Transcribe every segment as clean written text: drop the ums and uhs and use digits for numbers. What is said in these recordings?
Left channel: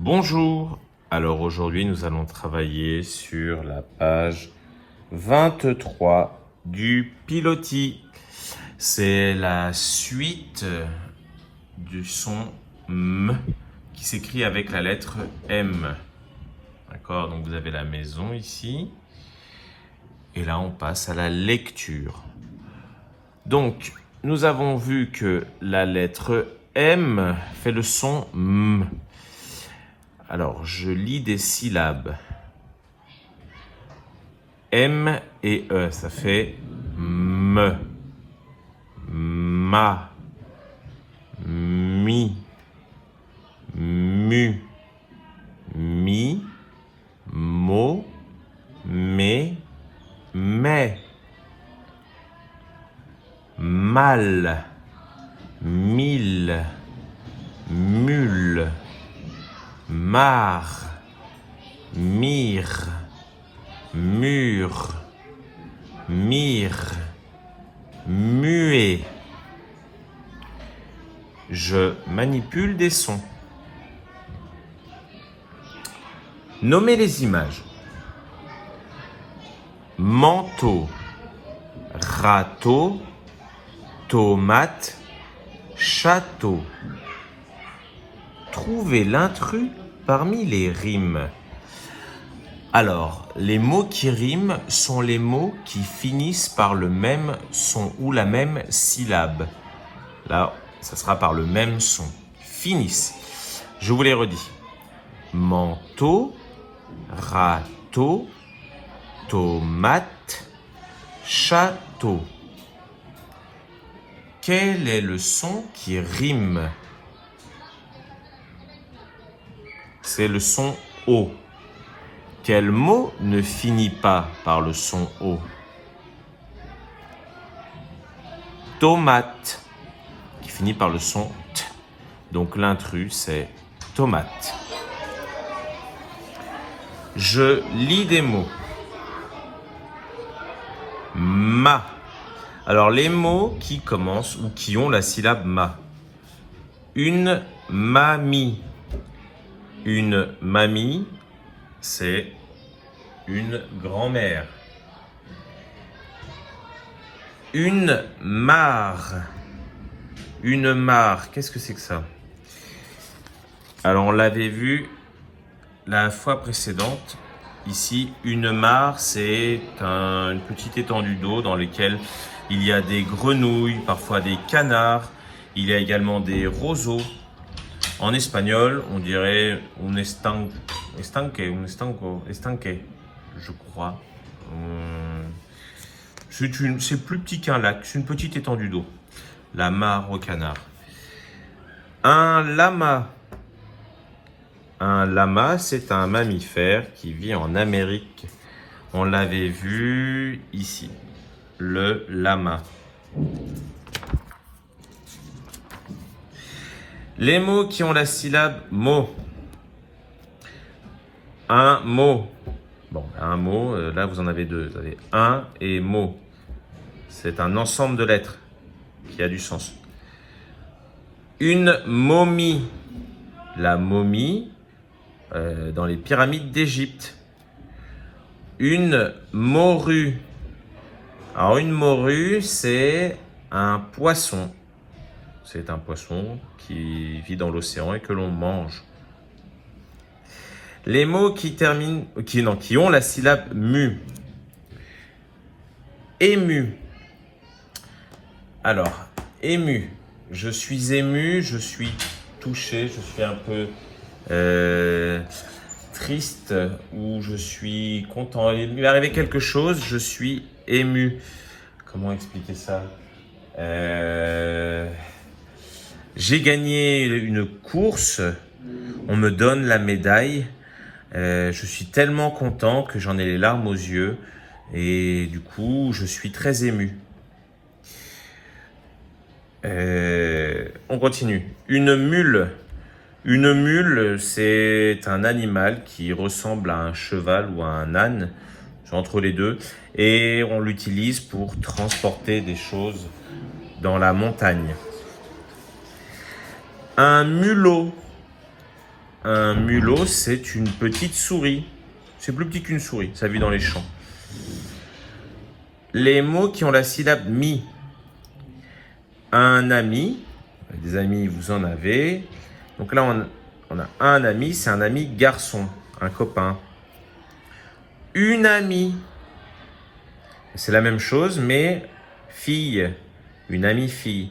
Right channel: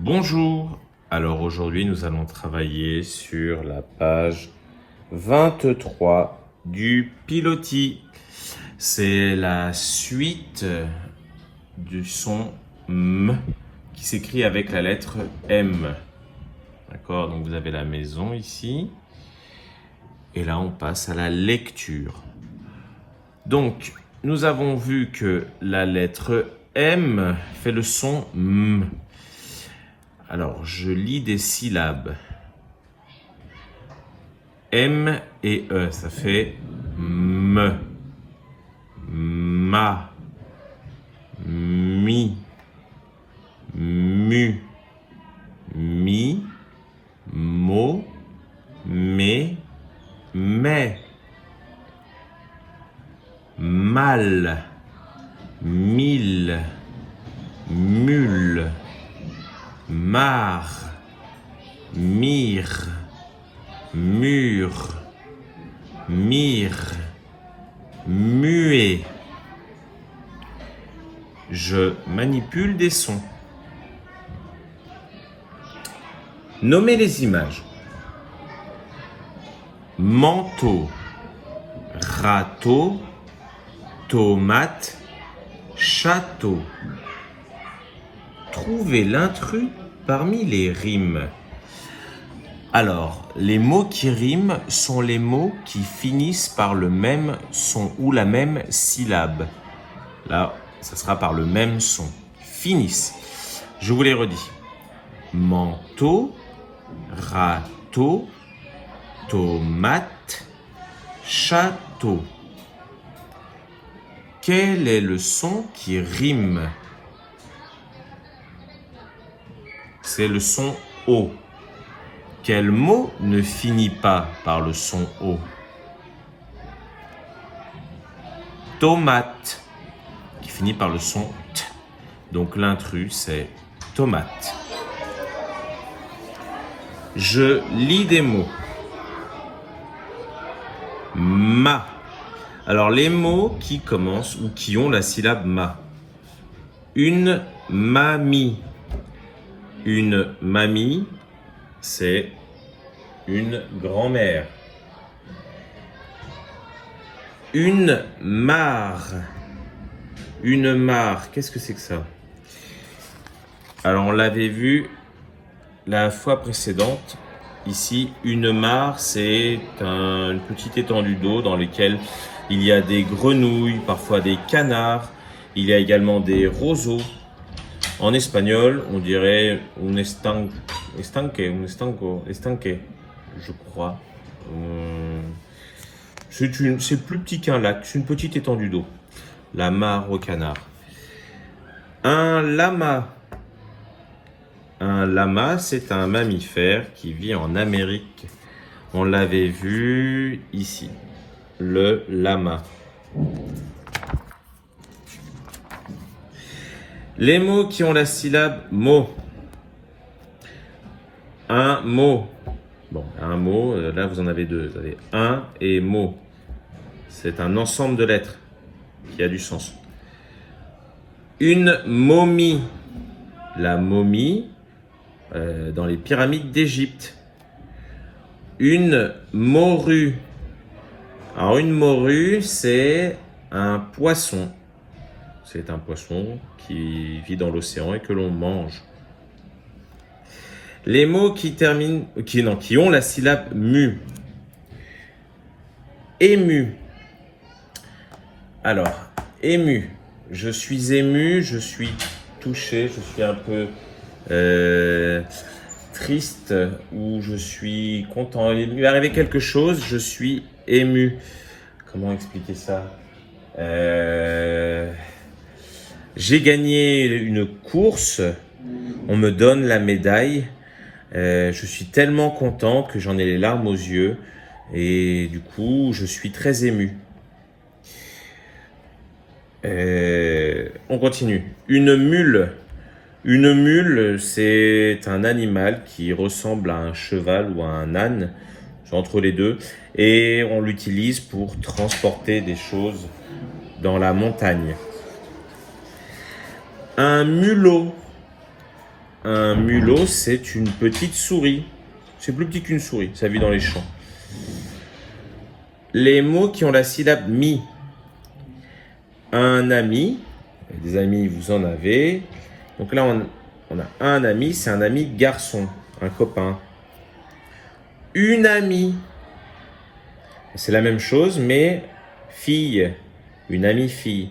Bonjour, alors aujourd'hui nous allons travailler sur la page 23 du pilotis. C'est la suite du son M qui s'écrit avec la lettre M. D'accord, donc vous avez la maison ici. Et là on passe à la lecture. Donc nous avons vu que la lettre M fait le son M. Alors, je lis des syllabes. M et E, ça fait M, ma, mi, mu, mi, mo, me, mais, mal, mille, mule, marre, mire, mur, mire, muet. Je manipule des sons. Nommez les images. Manteau, râteau, tomate, château. Trouvez l'intrus parmi les rimes. Alors, les mots qui riment sont les mots qui finissent par le même son ou la même syllabe. Là, ça sera par le même son. Finissent. Je vous les redis. Manteau, râteau, tomate, château. Quel est le son qui rime? C'est le son O. Quel mot ne finit pas par le son O? Tomate, qui finit par le son T. Donc l'intrus, c'est tomate. Je lis des mots. Ma. Alors les mots qui commencent ou qui ont la syllabe ma. Une mamie. Une mamie, c'est une grand-mère. Une mare. Une mare, qu'est-ce que c'est que ça? Alors, on l'avait vu la fois précédente. Ici, une mare, c'est une petite étendue d'eau dans laquelle il y a des grenouilles, parfois des canards. Il y a également des roseaux. En espagnol, on dirait un estanque, je crois. C'est plus petit qu'un lac, c'est une petite étendue d'eau. La mare au canard. Un lama. Un lama, c'est un mammifère qui vit en Amérique. On l'avait vu ici, le lama. Les mots qui ont la syllabe mot. Un mot. Bon, un mot, là vous en avez deux. Vous avez un et mot. C'est un ensemble de lettres qui a du sens. Une momie. La momie dans les pyramides d'Égypte. Une morue. Alors une morue, c'est un poisson. C'est un poisson qui vit dans l'océan et que l'on mange. Les mots qui ont la syllabe mu. Ému. Alors, ému. Je suis ému, je suis touché, je suis un peu triste ou je suis content. Il m'est arrivé quelque chose, je suis ému. Comment expliquer ça? J'ai gagné une course, on me donne la médaille, je suis tellement content que j'en ai les larmes aux yeux et du coup je suis très ému. On continue. Une mule. Une mule, c'est un animal qui ressemble à un cheval ou à un âne, entre les deux, et on l'utilise pour transporter des choses dans la montagne. Un mulot. Un mulot, c'est une petite souris. C'est plus petit qu'une souris, ça vit dans les champs. Les mots qui ont la syllabe mi. Un ami, des amis, vous en avez. Donc là, on a un ami, c'est un ami garçon, un copain. Une amie, c'est la même chose, mais fille, une amie fille.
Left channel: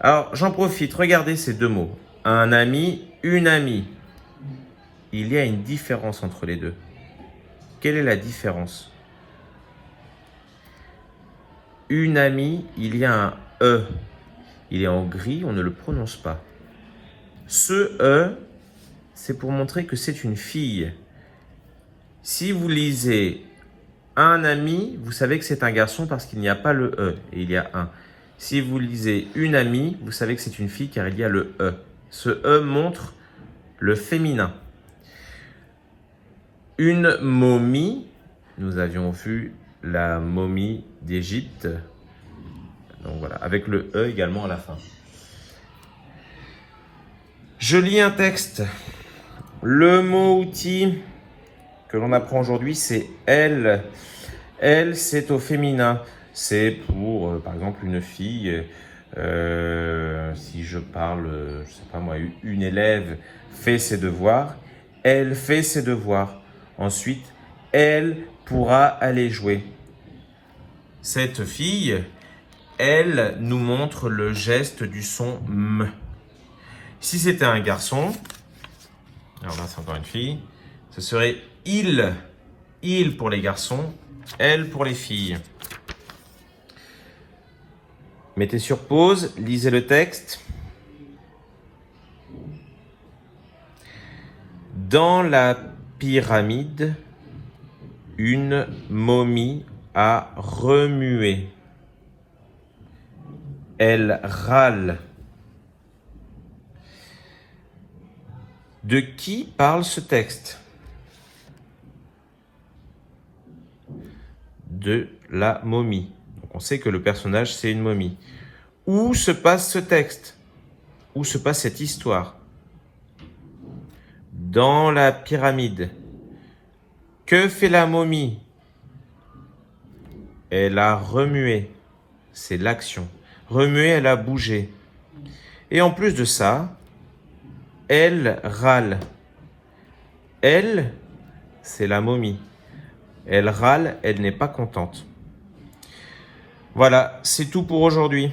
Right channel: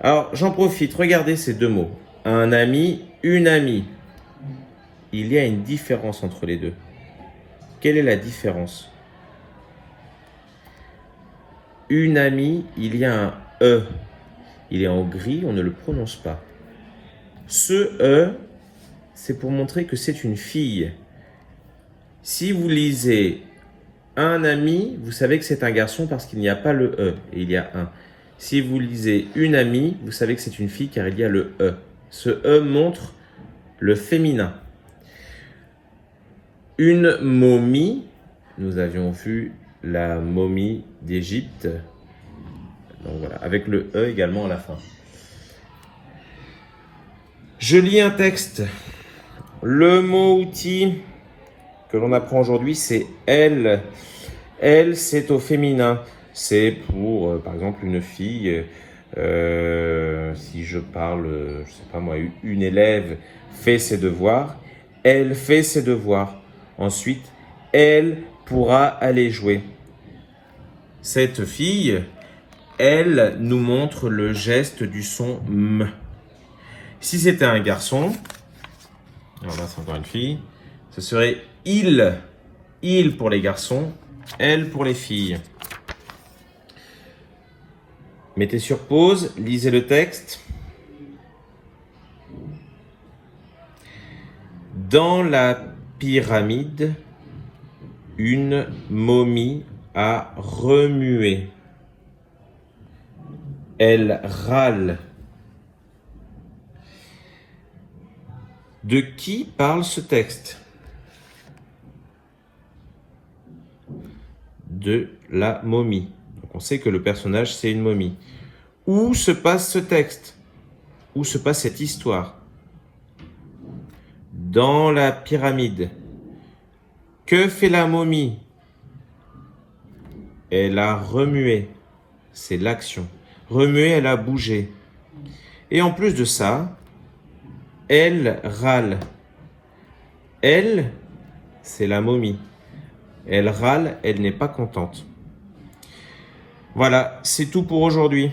Alors, j'en profite, regardez ces deux mots. Un ami, une amie. Il y a une différence entre les deux. Quelle est la différence? Une amie, il y a un E. Il est en gris, on ne le prononce pas. Ce E, c'est pour montrer que c'est une fille. Si vous lisez un ami, vous savez que c'est un garçon parce qu'il n'y a pas le E et il y a un. Si vous lisez une amie, vous savez que c'est une fille car il y a le E. Ce E montre le féminin. Une momie, nous avions vu la momie d'Égypte. Donc voilà, avec le E également à la fin. Je lis un texte. Le mot outil que l'on apprend aujourd'hui, c'est elle. Elle, c'est au féminin. C'est pour, par exemple, une fille. Si je parle, je sais pas moi, une élève fait ses devoirs. Elle fait ses devoirs. Ensuite, elle pourra aller jouer. Cette fille, elle nous montre le geste du son M. Si c'était un garçon, alors là c'est encore une fille, ce serait il. Il pour les garçons, elle pour les filles. Mettez sur pause, lisez le texte. Dans la pyramide, une momie a remué. Elle râle. De qui parle ce texte? De la momie. Donc on sait que le personnage, c'est une momie. Où se passe ce texte? Où se passe cette histoire? Dans la pyramide. Que fait la momie? Elle a remué. C'est l'action. Remuer, elle a bougé. Et en plus de ça, elle râle. Elle, c'est la momie. Elle râle, elle n'est pas contente. Voilà, c'est tout pour aujourd'hui.